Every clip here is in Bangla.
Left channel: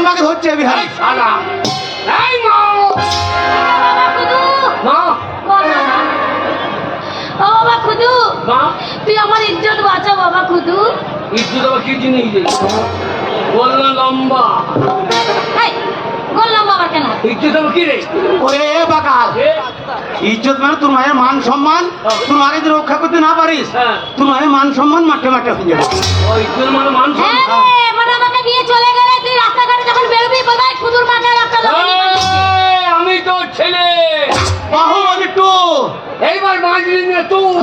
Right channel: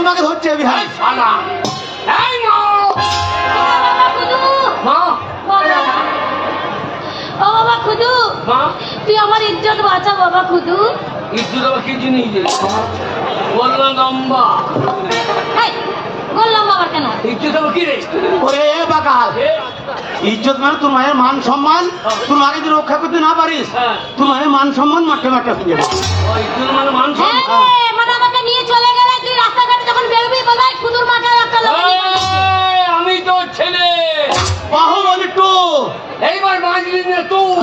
তোমাকে ধরছে বিহারি শালা এই মা মা ও বাবা খুদু, মা তুই আমার ইজ্জত বাঁচা বাবা খুদু। ইজ্জত আবার কি জিনিস বললো লম্বা এই, বললাম বাবা কেন? ইজ্জত আবার কি রে ওরে বাকাল ইজ্জত মানে তোর মায়ের মান সম্মান তোর মাকে যদি রক্ষা করতে না পারিস হ্যাঁ। তোর মায়ের মান সম্মান মাঠে মাঠে হয়ে যাবে ও ইজ্জত মানে মান হ্যাঁ সম্মান রে, মানে আমাকে নিয়ে চলে গেলে তুই রাস্তাঘাটে যখন বেরোবি বাবাই খুদুর মাথায় একটা লাথি এই, মারবি। আমি তো ছেলে বাহুবলী টু এইবার বাঁচলি না তুই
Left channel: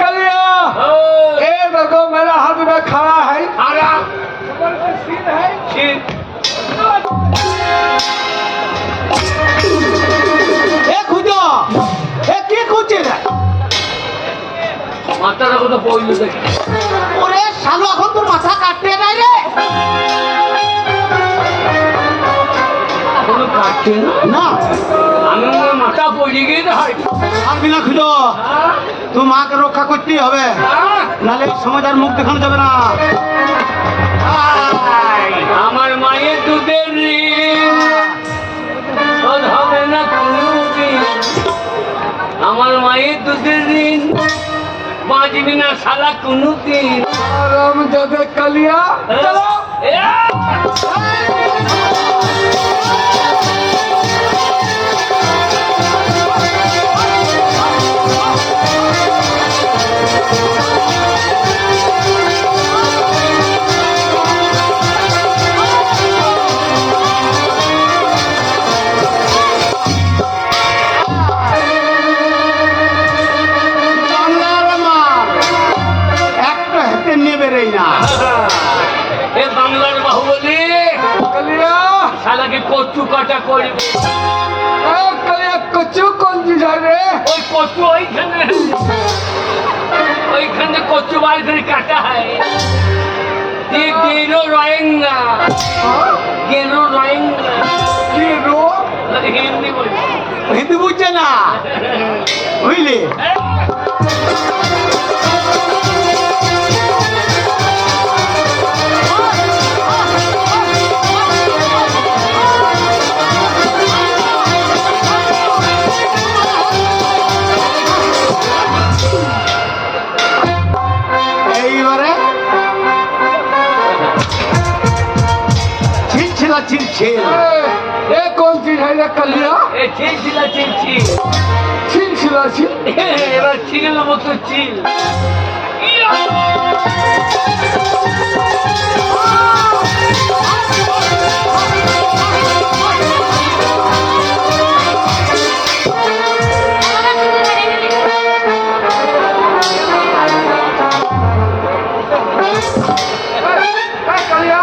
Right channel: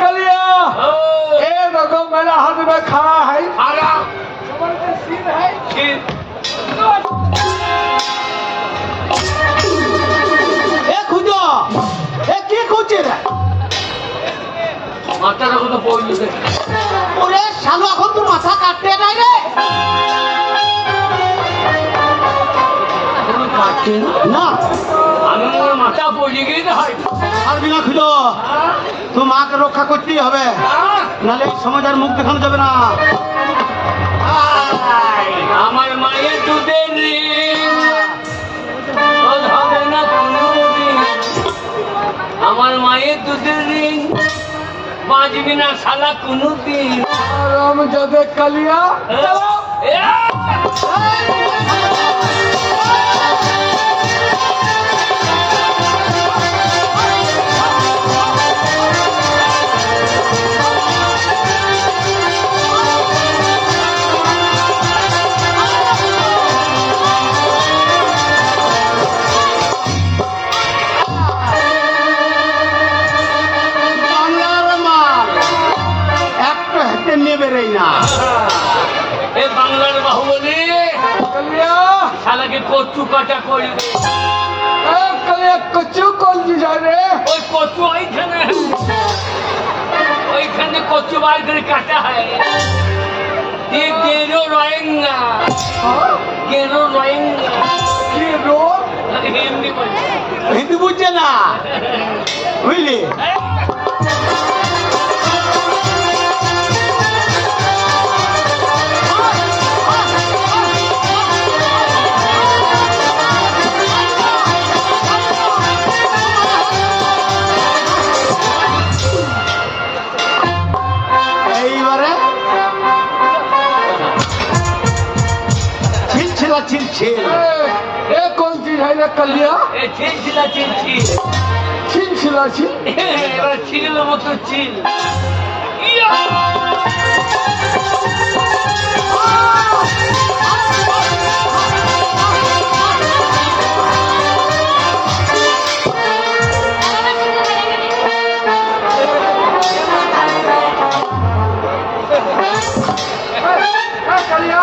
कलिया ও, ये देखो मेरा हाथ में खड़ा है খারা कमर पे सीन है ছিপ এ খুঁজো এ কি খুঁজছে রে মাথাটা কোথাও পড়লো দেখি ওরে শালু এখন তো মাথা কাটতে নাই রে কোনো কাটছে না না আমি মনে হয় মাথা পড়ে গিয়ে তো হয় পারবি না খুঁজো তোর মাকে রক্ষা করতেই হবে নাহলে এই সমাজ আর মুখ দেখানো যাবে না আমার মায়ের দুধের ঋণ শোধ হবে না কোনোদিন আমার মায়ের দুধের ঋণ বাঁচবি না শালা কোনোদিন राम जब कलिया चलो বাংলার মাল একটা হাতে নেবে রে না এ বাংলার বাহুবলী कलिया শালাকে কচু কাটা করবে ए कलिया कच्चू कौन सी जाए रे ওই কচু ওইখানে কচু বার করে কাটা হয় ये गेरो रोएंगा गेरो रोएंगा ये रो हिंदी बोल হিন্দু বুঝছে না বুঝলি এইবারে ছিলছিল ছিলছিল ए कौन सी है रे कलिया ए चिलचिला चिलची छिल छिला छिल এবার ছিল মতো চিল ए कलिया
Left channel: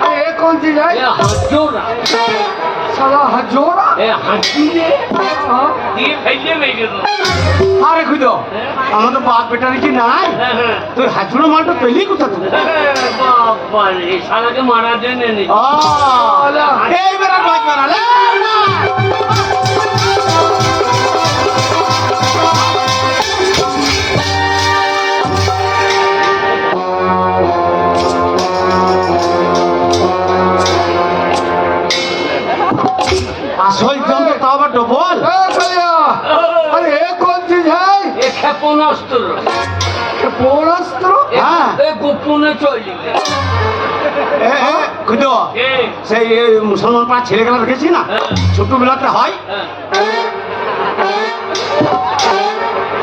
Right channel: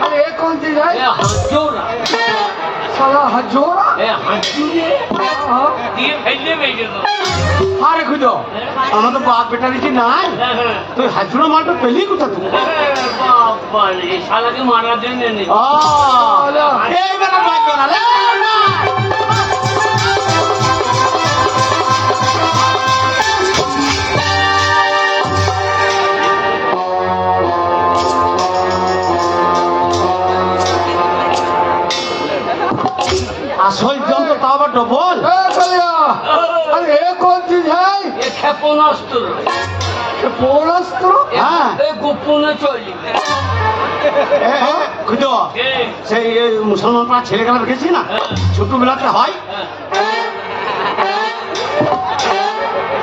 अरे ये कौन सी है এ হাজোরা साला हजोरा এ হাজুরে দিয়ে ফেললে মেয়ে গেল আরে খুঁজো আমরা তো বাপ বেটা নাকি নাই তুই হাজুড়ো মালটা পেলি কোথা থেকে বাবা রে শালাকে মারার জন্য এনেছে এইবারে বাঁচবে না লে। আসল জম তো তাও আবার ডবল ए कलिया अरे ये कौन सी है এ ক্ষেপণাস্ত্র पोरस्त्र হ্যাঁ এ গোপনে চলি খুঁজো সেই মুসলমান পাড়া ছেলেকে আমরা গেছি না ছোটবেলাতে হয়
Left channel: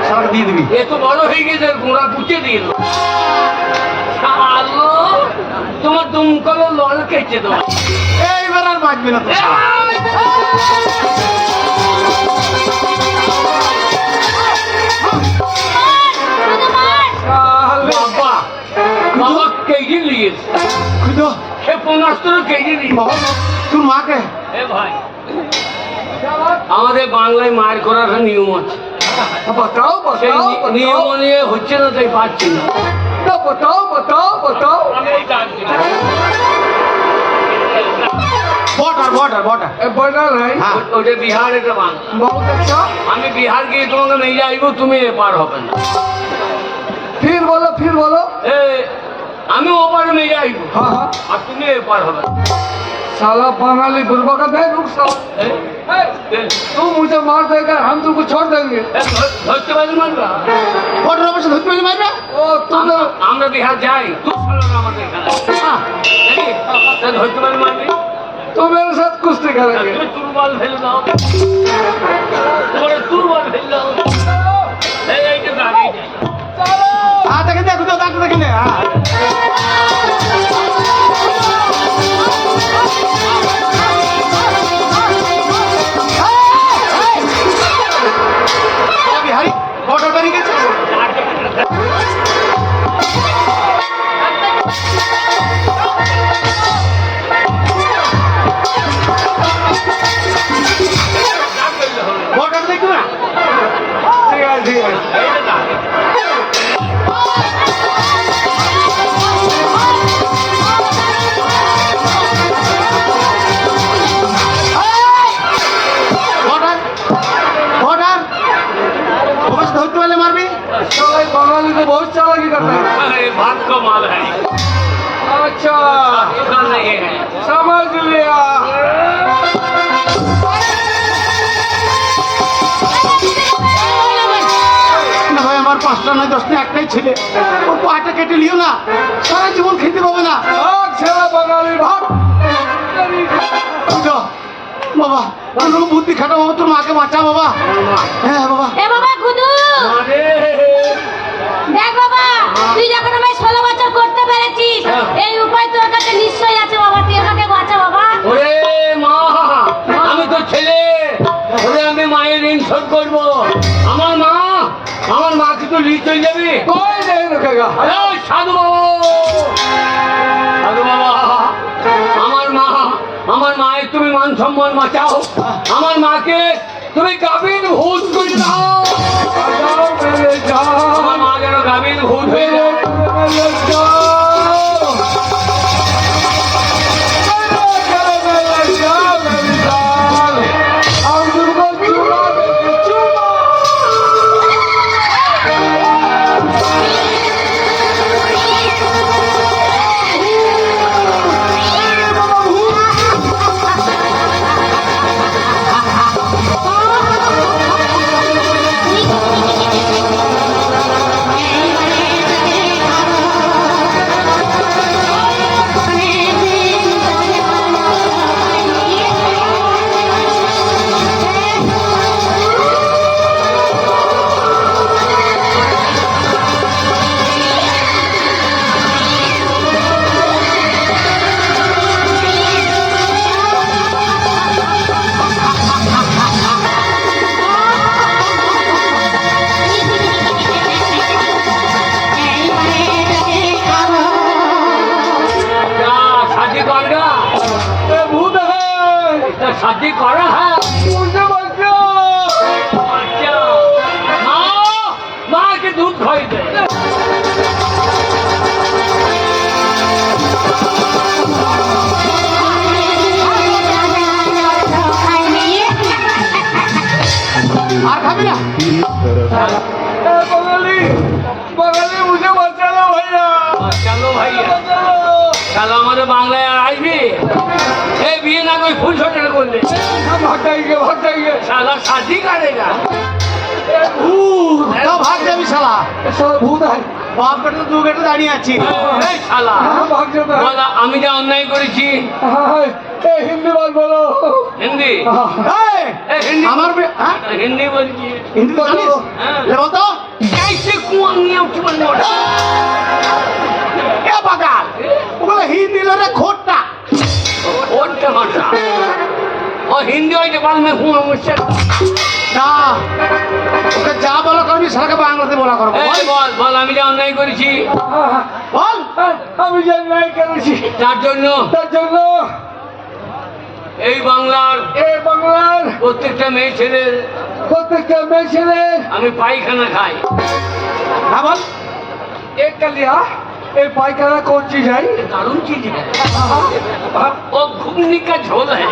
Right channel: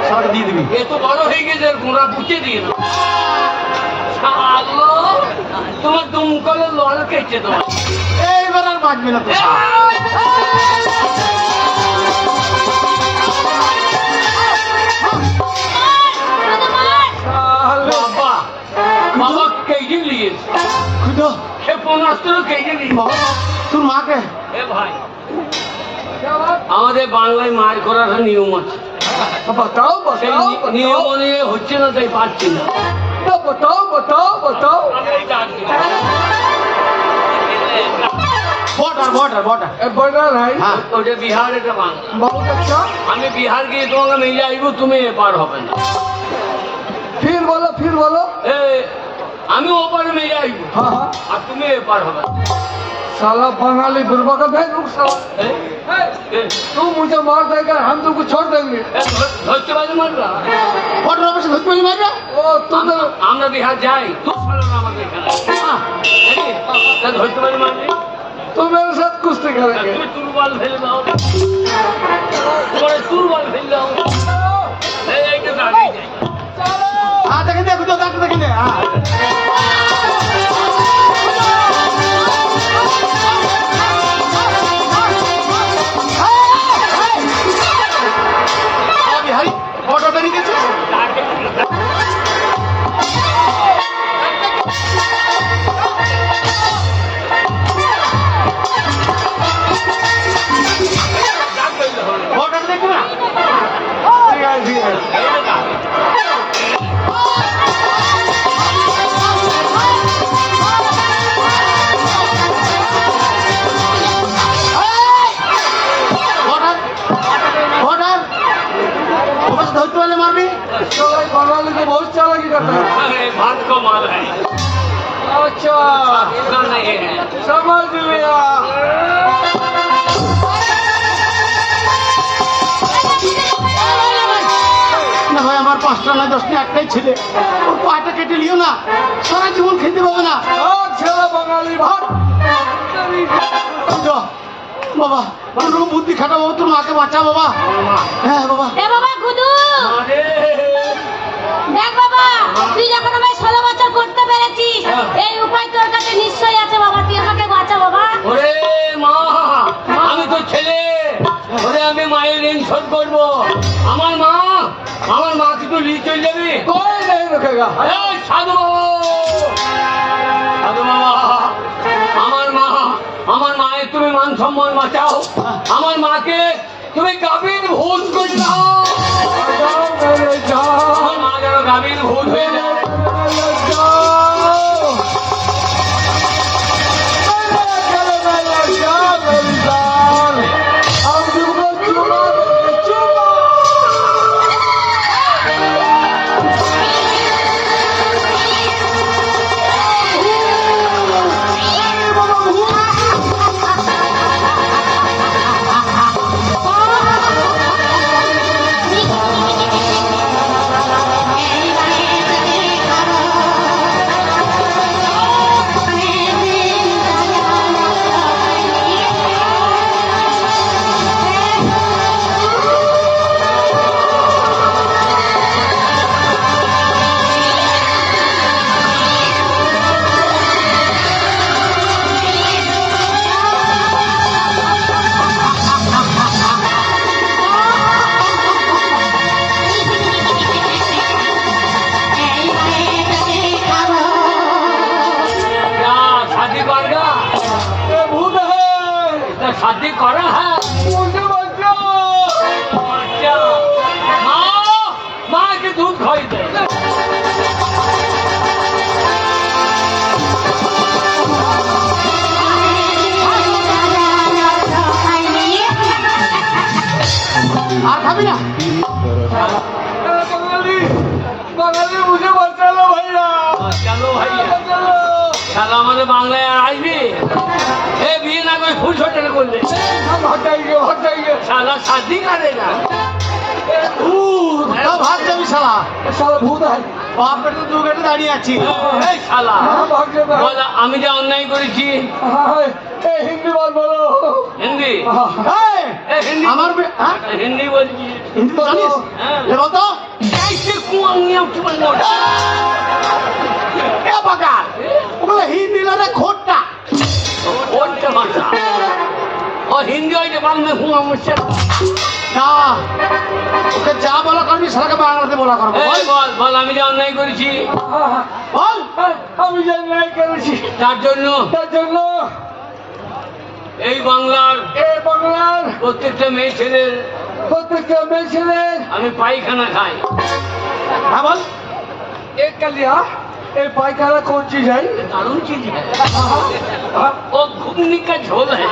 সবটা দিয়ে দিবি এ তো বড় হয়ে গেছে আর গোড়া পুঁচে দিয়ে দেবো। শালো তোমার দুমকলে লল কেটে দেবো এইবার আর বাঁচবি না তো বাবা বাবা কেটে নিয়েছে খুঁজো ক্ষেপণাস্ত্র কেটে নিয়েছে বাবা তোর মাকে এ ভাই क्या बात আমাদের বাংলায় মার করার একটা নিয়ম আছে बताओ সেই बताओ নিয়ম बताओ নিয়ে হচ্ছে না তাই পারছি না बताओ बताओ बताओ আমি এই ডাক দিলাম বর্ডার বর্ডার বর্ডার ए बर्डर है হ্যাঁ ওটা বিহার এটা বাংলা बहुत अच्छा আমি বিহার গিয়ে তোমাকে নিয়ে যাইব তুমি এপার হবে না फिर बोलो এ আমি ওপার মেয়ে যাইব हाँ हाँ আর তুমি এপার হবে साला बंगाली बुर्बक है रुक साला तू मुझे मार देगा हम तुमको छोड़ देंगे ধরতে পারি মারবা বর্ডার অফিসে ধরতে পারি মারবে ओ तुम আমরা বিহার যাই তুই চলো না আমাদের এখানে ধরতে পারি মারবি तुम मेरे साथ कुश्ती करेंगे তুমি তুরবাল ফেলে দাও তোমার তুরবাল ফেলে দাও এইটা দাঁড়িয়ে যাই चलो হ্যাঁ দেখে দে দুটো ডাক্তার দেখে দে হ্যাঁ বিহারি বর্ডার বেরিয়ে গেছে বর্ডার দেখবে না ठीक है ठीक है বর্ডার বর্ডার অফিসে ধরতে পারলে মারবি साला बंगाली को बहुत चालाकी करते हैं अरे भात को माल है अच्छा ऐसा नहीं है समझ लिया না ভাই আমার 5টা না 10টা একটাই ছেলে ও পাটা কেটে লিও না সারা জীবন খেতে পাবে না भाग चला बंगाली भाग तेरी তো, বাবা কোনো বুদ্ধি খাটাবো তোর মাকে বাঁচা বাবা হ্যাঁ বাবা এ বাবা গুদু মারে দেখ বাবা তুই যখন আমায় 16 বছর করতে পেরেছিস এই উপায় তোর কাছে নিশ্চয়ই আছে বাবা তুই আমাকে বাঁচা বাবা ওরে মা আমি তো ছেলে ওরে আমি মায়ের ঋণ শোধ করবো আমার মাকে তো নিয়ে চলে যাবি कोई नहीं रुकेगा এই সাধু বাবা সাধু বাবা আমার মায়ের তুমি মান সম্মান বাঁচাও আমার মাকে তুমি গাভীর ভূত করে দাও जाओ मेरे जाओ আমার মা যেন গাভীর ভূত হয়ে যায় मेरे जाओ मेरे जाओ मेरी जान हम तुमको चुमा चुमा क्या शादी करेगा ये भूत है तो शादी करा है मुझे बचाओ क्या माँ के दूध खाई दे আর খাবি না बंगाली बंगाली मुझे बचा लो भैया चलो भैया बचा लो साला हमारे बांग्लाয় আসবি ए বিয়ে না कोई फूल छोटे করবে हटाइए साला शादी करेगा তো ভাগ যাবি শালা साला भूत है বাপ বেটা দু বেটা দাঁড়িয়ে আছি এই শালা हाँ भाग जाता है বল, আমি যা অন্যায় করেছি हाँ ए हिंदी बात बोलो হিন্দি हाँ এই, এই হিন্দি আমার হ্যাঁ হিন্দি বলছি হিন্দি তো জানিস হ্যাঁ। লে বল তো कैसे कुआं नियम चुन এ বাগান ওগুলো হিন্দি লড়ে খোট্টা और टमाटर और हिंदी और जबान में हूँ मुझसे না ওকে যা বলা করবি সেটাকে বাংলাতে বলা করবো এই বল বল আমি যা অন্যায় করেছি বল আমি জানি নাই করেছি তার জন্য তার জন্য এই বাংলার এই বাংলার প্রত্যেকটা মেয়ে ছেলের প্রত্যেকটা মেয়ে ছেলে আমি পায়খানা খাই হ্যাঁ বল एक कलिया एक पायखाना कौन चीज है ये दारुण चीज है वो घुगनी का झोल है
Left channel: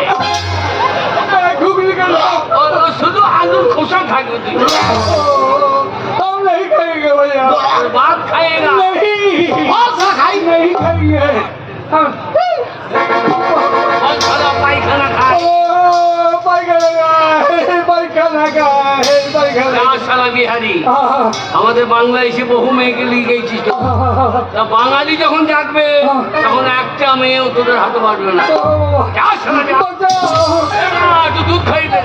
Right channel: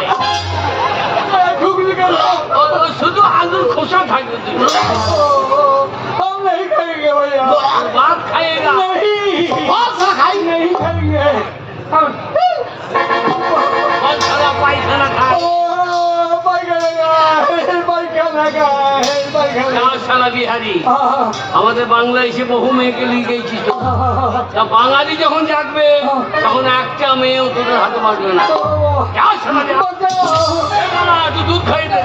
घुगनी का और शुद्ध आलू खोसा खा गई हम नहीं खाएंगे भैया बाप खाएगा नहीं বল শালা খাই नहीं বল শালা পায়খানা খায়। ও পায়খানা গায়, পায়খানা গায়, পায়খানা না শালা বিহারি, গায়। আমাদের বাংলাদেশে বহু মেয়েকে লিয়ে গেছিস তো। তা বাঙালি যখন জাগবে তখন একটা মেয়েও তোদের হাতে পারবে না। যা শালা যা। এ বাবা, একটু দুধ খাই দে।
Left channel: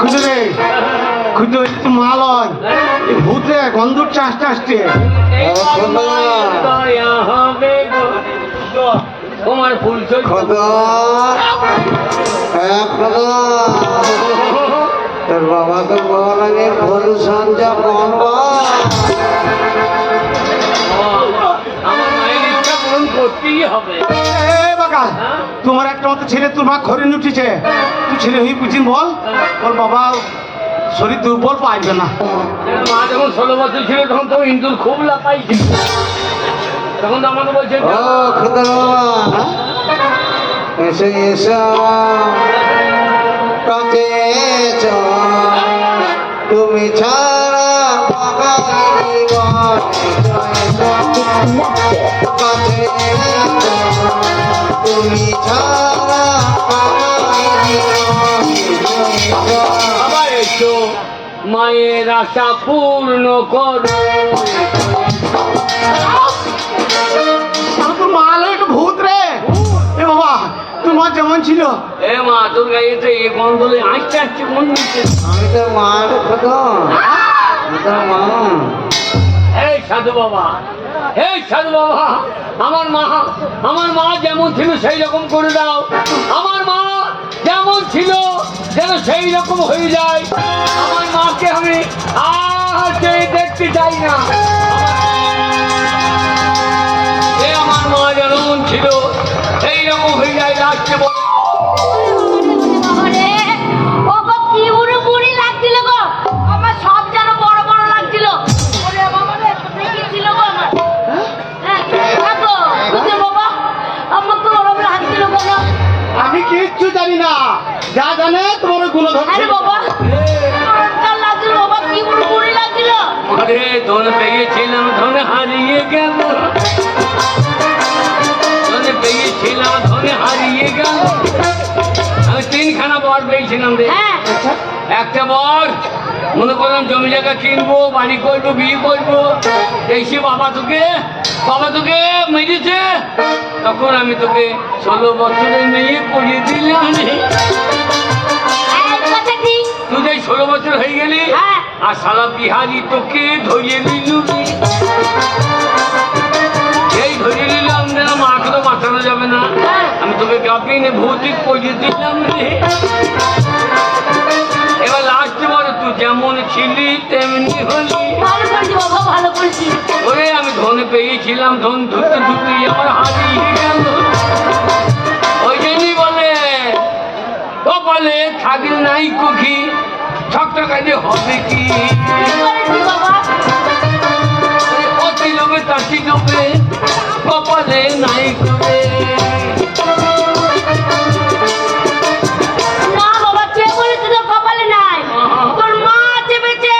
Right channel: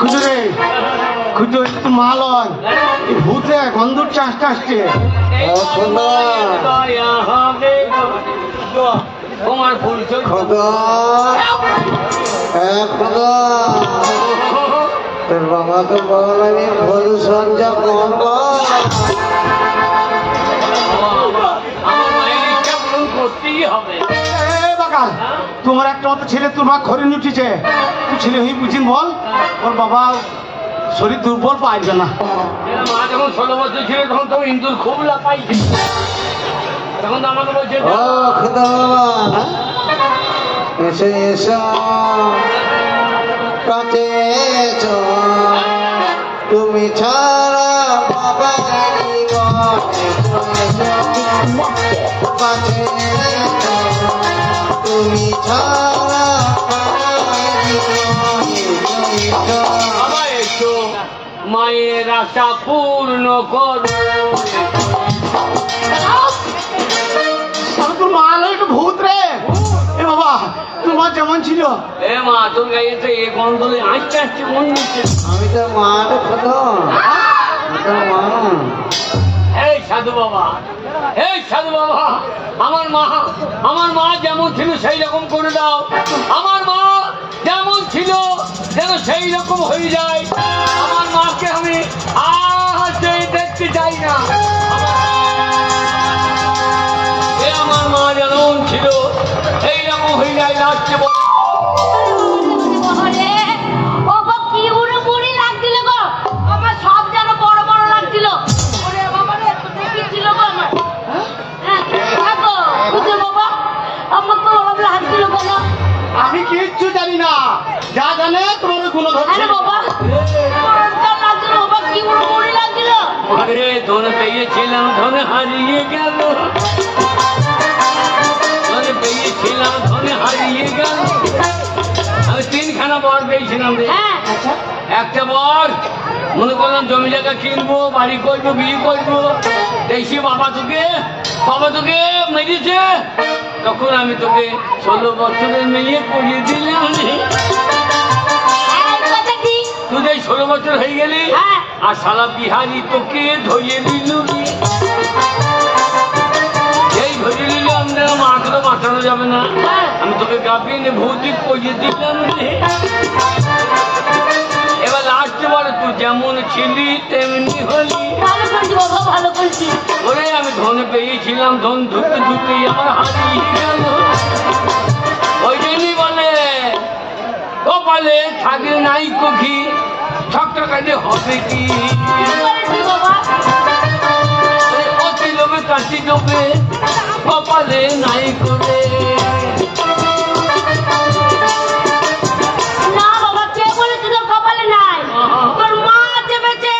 খুঁজে রে খুঁজে মালন ভূতে গন্ধর চাষ আসছে। এইবার মায়ের দয়া হবে গো। তোমার ফুল চলছে। তোর বাবাকে বল আমি ভুল সঞ্জয় আমার মায়ের ইচ্ছা পূরণ করতেই হবে। এ বাকা, তোমার একটা মতো ছেলে তোর মা ঘরে উঠেছে, তুই ছেলে হয়ে বুঝিন বল তোর বাবা শরীর দুর্বল পাইবে না। মা যখন 16 বছর ছিল তখন তো ইন্দুর খুব লাপাইছে, তখন তো আমাকে বলছে ও খোদা এসো এসো কাছে এসো, তুমি ছাড়া বাবা জীবন। কাছে এসো, তুমি ছাড়া বাবা জীবন। বাবা এসো মায়ের আশা পূর্ণ করো। তোর মা হলো একটা ভূত রে। এ বাবা, তোর মা যেমন ছিল এ মা তোর গায়ে তো এই গন্ধলে আসতে আসছে কোন নিচ্ছে। আমি তোর মা রে খোদা, আমি তোর মা। এই সাধু বাবা, এই সাধু বাবা, আমার মা যেমন ছিল সেই রকম করে দাও। আমার মা যেমন ছিল যেন সেই রকম হয়ে যায়। আমার মাকে আমি আর দেখতে চাই না। আমার মা যেমন ছিল সেই রকম হয়ে যায় লাস্টে। বাবারে, ও গো কি বুড়ো বুড়ি লাগছিল গো, আমার সব যেন বড় বড় লাগছিল। ওরে বাবারে, কোথায় কি ছিল গো আমার? হ্যাঁ, দেখো, বুঝলে বাবা, আমার তো ওরম লাগছিল বাবা। আমি কিচ্ছু জানি না, যা জানে তোমার গুণধর আরে বাবা, আমার লাগছিল বাবা, কি বুড়ো বুড়ি লাগছিল। আরে ধন পেয়েছিলাম ধন হারিয়ে গেল, ধন পেয়েছিলাম ধন হারিয়ে গেল। আমি 3খানা বর পেয়েছিলাম রে। হ্যাঁ, একটা বর মনে করলাম জমি জায়গা কিনবো, বাড়ি করবো, বিয়ে করবো। দেখি বাবা তোকে মেরেছে, তখন আমি তোকে 16 বছরের মেয়ে পড়িয়ে দিলাম রে। এই কথা ঠিক। তুই যে 16 বছর হয়ে গেলি হ্যাঁ। আর সারা বিহারি তোকে ধরিয়ে নিল। এই ধরিয়ে নিল, আমরা মাকে তো বাঁচানো যাবে না। আমি তোকে গাপিয়ে ভৌতিক পড়িয়ে দিলাম রে। এবার লাস্টে বলে তুই যেমন ছিলি তেমনি হলি। ভালো করেছি বাবা, ভালো করেছি। ওরে আমি ধন পেয়েছিলাম, ধন ধুতে ধুতে আমার হারিয়ে গেল। ওই জন্যই বলে কপালে থাকলে নাই কখি, ঠকটা কাজে হবে কি। কি করেছি বাবা? অতি লোভে তাঁতি লোভে কপালে নাই করে। না বাবা, কে বলেছে তোর কপালে নাই? তোর মা চেপেছে।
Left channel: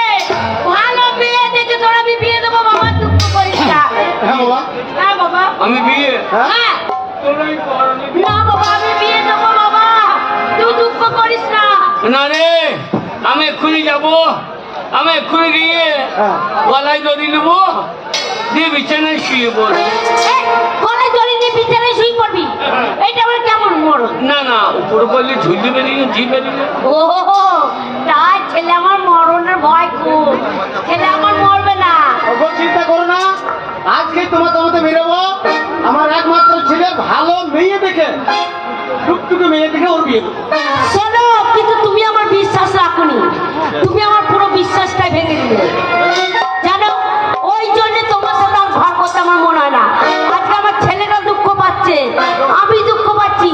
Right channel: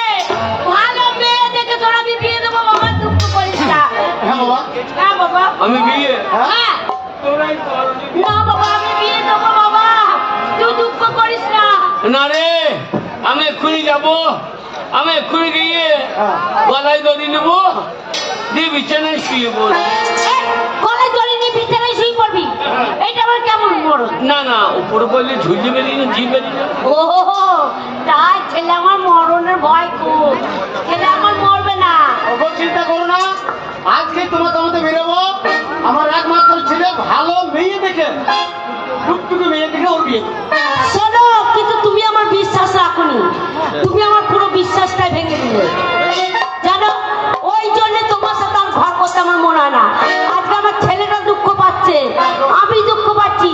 ভালো মেয়ে দেখে তোরা বিয়ে দেবো বাবা, দুঃখ করিস না। হ্যাঁ বাবা, হ্যাঁ বাবা। আমি বিয়ে হ্যাঁ। তোরাই কর। না বাবা, আমি বিয়ে দেবো বাবা, তুই দুঃখ করিস না। না রে, আমি এক্ষুনি যাবো, আমি এক্ষুনি গিয়ে হ্যাঁ। গলায় দড়ি নেবো, দিয়ে বিছানায় শুয়ে পড়বো। এই, গলায় দড়ি নিয়ে বিছানায় শুয়ে পড়বি? এইটা আবার কেমন মরণ? না উপরে করলে ঝুলি বেরিয়ে ঝি বেরিয়ে। ও তাই ছেলে আমার মরণের ভয় খুব, ছেলে আমার মরবে না। ওগো চিন্তা করো না, আজকে তোমার বেরোবো। আমার একমাত্র ছেলে ভালো মেয়ে দেখে, টুকটুকে মেয়ে দেখে ওর বিয়ে দেবো। শোনো, কিন্তু তুমি আমার বিশ্বাস রাখোনি, তুমি আমার পুরো বিশ্বাসটাই ভেঙে দিলে জানো। ওই জন্য তোমার সাথে আর ঘর কথা আমার মনে হয় না। আজকে আমার ছেলেটা দুঃখ পাচ্ছে, আমি দুঃখ পাচ্ছি,